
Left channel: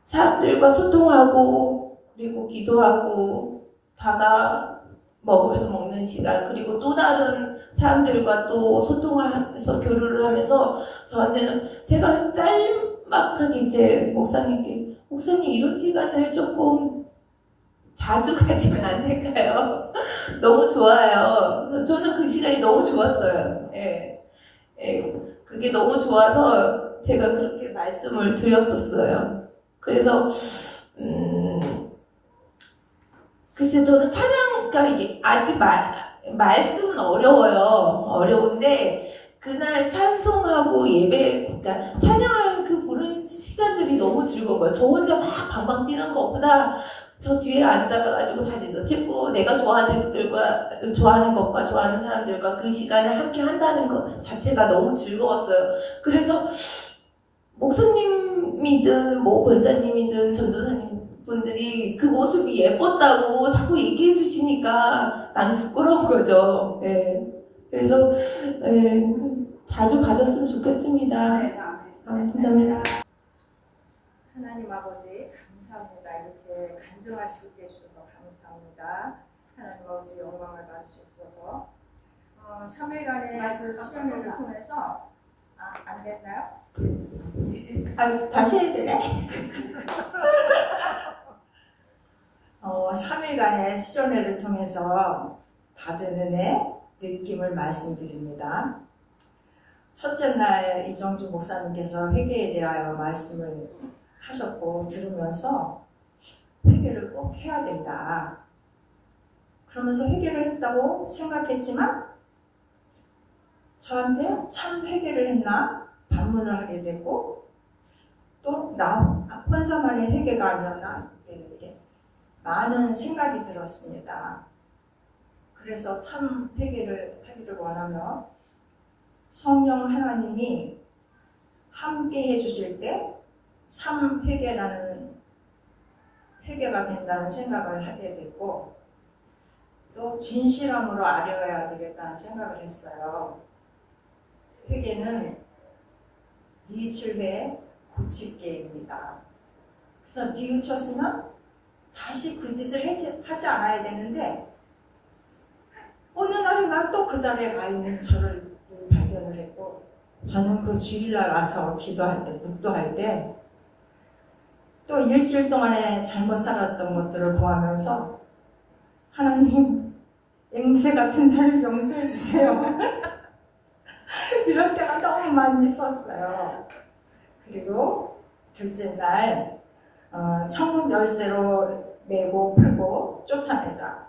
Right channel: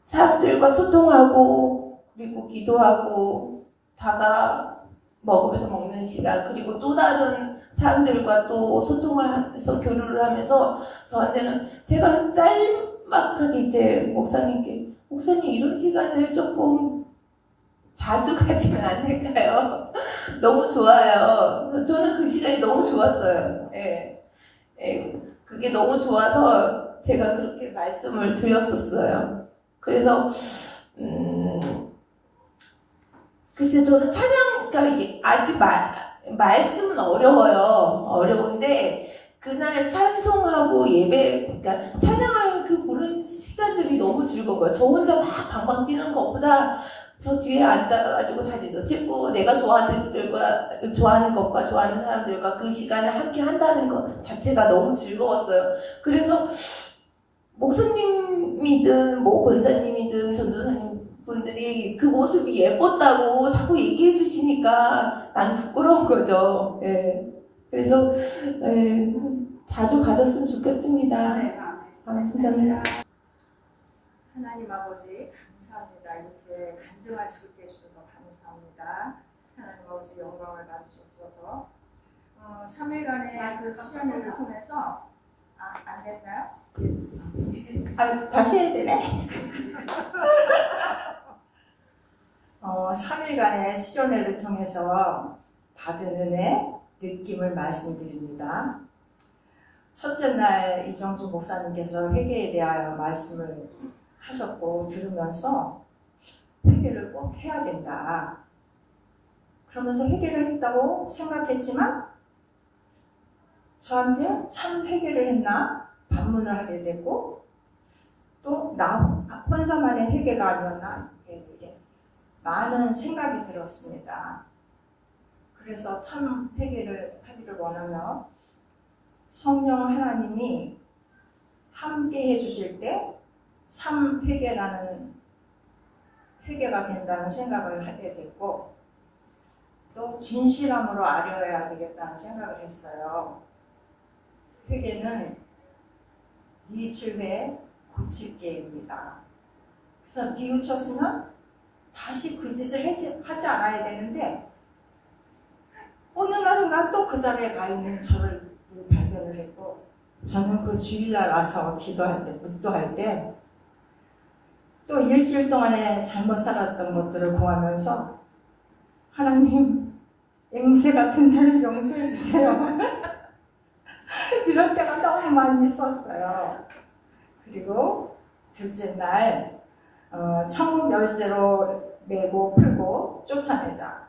사람들과 소통하고 그리고 기도하고 다가 먹으면서 먹는 시간, 그리고 또 다른 사람들과 또 소통을 하면서 교류를 하면서 저한테는 제가 짤막하게 이제 목사님 이런 시간을 조금 자주 가지면 안 될까요? 너무 좋아요. 저는 그 시간이 너무 좋았어요. 예. 그게 너무 좋아서 제가 그렇게 말씀을 드렸었어요. 그래서 글쎄 저는 그러니까 이게 아직 말씀은 어려운데 그날 찬송하고 예배, 그러니까 찬양하는 그 부르는 시간들이 너무 즐거워요. 저 혼자 막 방방 뛰는 것보다 저 뒤에 앉아가지고 사진도 찍고 내가 좋아하는 것과 좋아하는 사람들과 그 시간을 함께 한다는 것 자체가 너무 즐거웠어요. 그래서 목사님이든 뭐 권사님이든 전도사님 분들이 그 모습이 예뻤다고 자꾸 얘기해 주시니까 나는 부끄러운 거죠. 예. 그래서 자주 가졌으면 좋겠습니다. 네, 감사합니다. 하나님 아버지 감사합니다. 이렇게 간증할 수 있게 해주셔서 감사합니다. 하나님 아버지 영광을 받으시옵소서. 3일간의 그 수련회를 통해서 안 됐나요? 다시 해야 되네. 3일간의 수련회를 통해서 받은 은혜, 느낌을 말씀드립니다. 첫째 날 이정주 목사님께서 회개에 대하여 말씀을 하셨고 들으면서 회개를 꼭 해야 된다. 그러면서 회개를 했다고 생각했지만 저한테 참 회개를 했나 반문을 하게 되고 또 나 혼자만의 회개가 아니었나 이렇게 많은 생각이 들었습니다. 그래서 참 회개를 하기를 원하며 성령 하나님이 함께 해주실 때 참 회개라는 회개가 된다는 생각을 하게 됐고 또 진실함으로 아뢰어야 되겠다는 생각을 했어요. 회개는 뉘우칠 때 고칠 게입니다. 그래서 뉘우쳤으면 다시 그 짓을 하지 않아야 되는데 어느 날인가 또 그 자리에 가 있는 저를 발견을 했고 저는 그 주일날 와서 기도할 때 묵도할 때 또 일주일 동안에 잘못 살았던 것들을 보면서 하나님 앵무새 같은 저를 용서해 주세요. 이럴 때가 너무 많이 있었어요. 그리고 둘째 날 천국 열쇠로 메고 풀고 쫓아내자.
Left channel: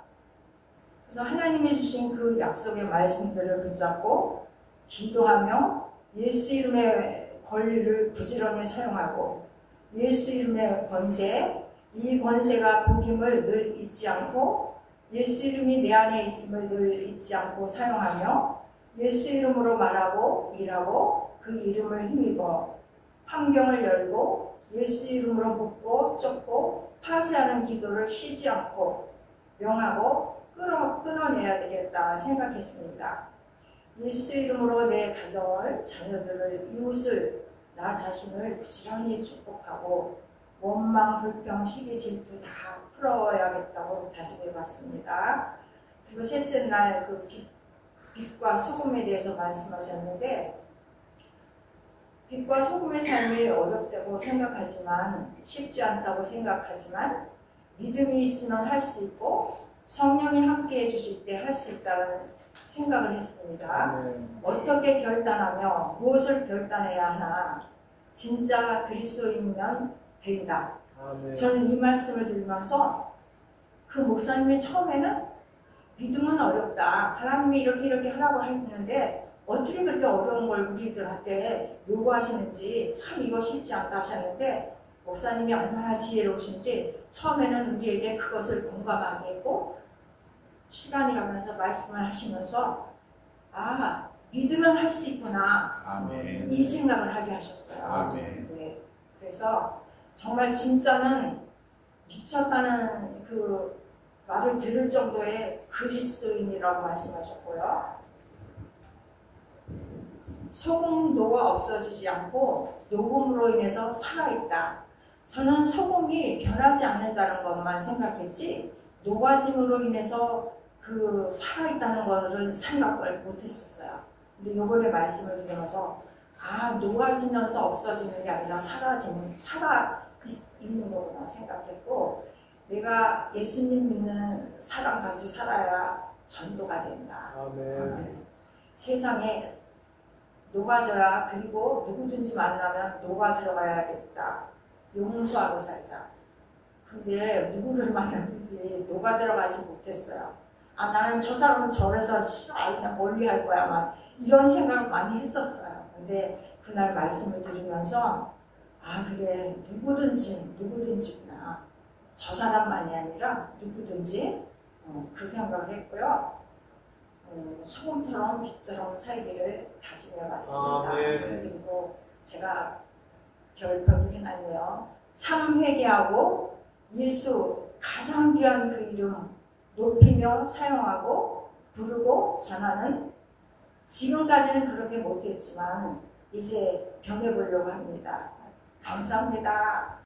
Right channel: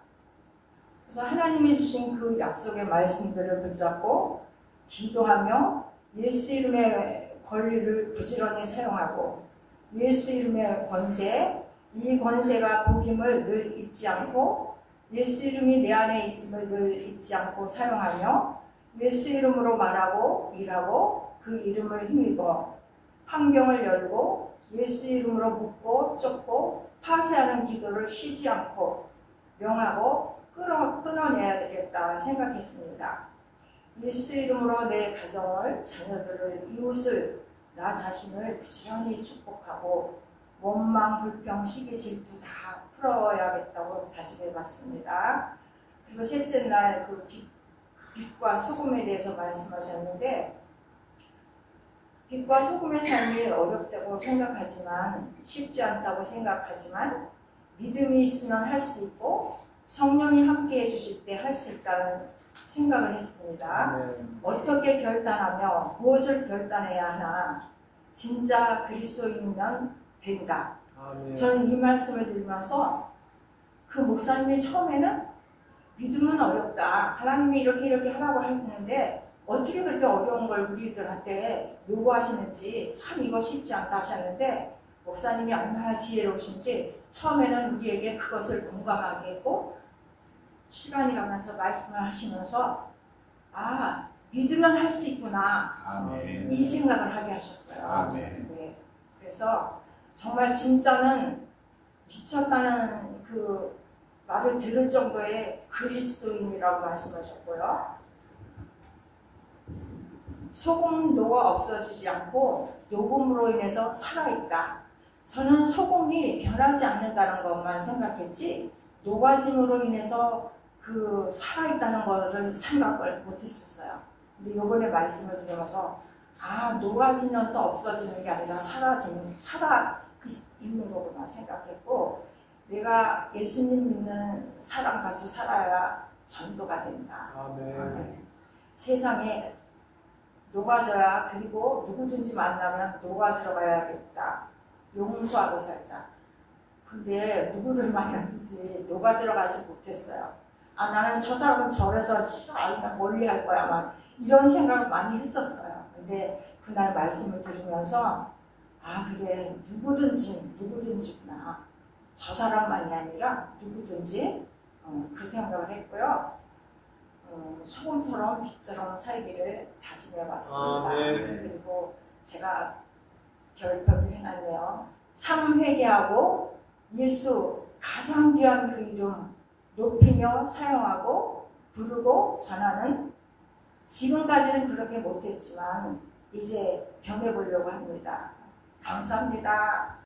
그래서 하나님이 주신 그 약속의 말씀들을 붙잡고 기도하며 예수 이름의 권리를 부지런히 사용하고 예수 이름의 권세, 이 권세가 복임을 늘 잊지 않고 예수 이름이 내 안에 있음을 늘 잊지 않고 사용하며 예수 이름으로 말하고 일하고 그 이름을 힘입어 환경을 열고 예수 이름으로 묶고 쫓고 파쇄하는 기도를 쉬지 않고 명하고 끊어내야 되겠다 생각했습니다. 예수 이름으로 내 가정을, 자녀들을, 이웃을, 나 자신을 부지런히 축복하고 원망, 불평, 시기, 질투 다 풀어야겠다고 다짐해봤습니다. 그리고 셋째 날 그 빛과 소금에 대해서 말씀하셨는데 빛과 소금의 삶이 어렵다고 생각하지만 쉽지 않다고 생각하지만 믿음이 있으면 할 수 있고 성령이 함께 해주실 때 할 수 있다는 생각을 했습니다. 어떻게 결단하며 무엇을 결단해야 하나 진짜 그리스도인이면 된다. 저는 이 말씀을 들으면서 그 목사님이 처음에는 믿음은 어렵다. 하나님이 이렇게 하라고 했는데 어떻게 그렇게 어려운 걸 우리들한테 요구하시는지 참 이거 쉽지 않다 하셨는데 목사님이 얼마나 지혜로우신지 처음에는 우리에게 그것을 공감하게 했고 시간이 가면서 말씀을 하시면서 아 믿으면 할 수 있구나. 아멘. 이 생각을 하게 하셨어요. 아멘. 네. 그래서 정말 진짜는 미쳤다는 그 말을 들을 정도의 그리스도인이라고 말씀하셨고요. 소금도가 없어지지 않고 녹음으로 인해서 살아있다. 저는 소금이 변하지 않는다는 것만 생각했지 녹아짐으로 인해서 그 살아있다는 것을 생각을 못했었어요. 근데 요번에 말씀을 들으면서 아 녹아지면서 없어지는 게 아니라 살아있는 거구나 생각했고 내가 예수님 믿는 사람같이 살아야 전도가 된다. 아멘. 세상에 녹아져야 그리고 누구든지 만나면 녹아 들어가야겠다. 용서하고 살자. 근데 누구를 만났든지 녹아 들어가지 못했어요. 아 나는 저 사람은 저래서 그냥 멀리 할 거야 막 이런 생각을 많이 했었어요. 근데 그날 말씀을 들으면서 아 그래 누구든지구나. 저 사람만이 아니라 누구든지 그 생각을 했고요. 소금처럼 빛처럼 살기를 다짐해 왔습니다. 그리고 제가 결벽이 행하네요. 참 회개하고 예수 가장 귀한 그 이름 높이며 사용하고 부르고 전하는 지금까지는 그렇게 못했지만 이제 변해보려고 합니다. 감사합니다.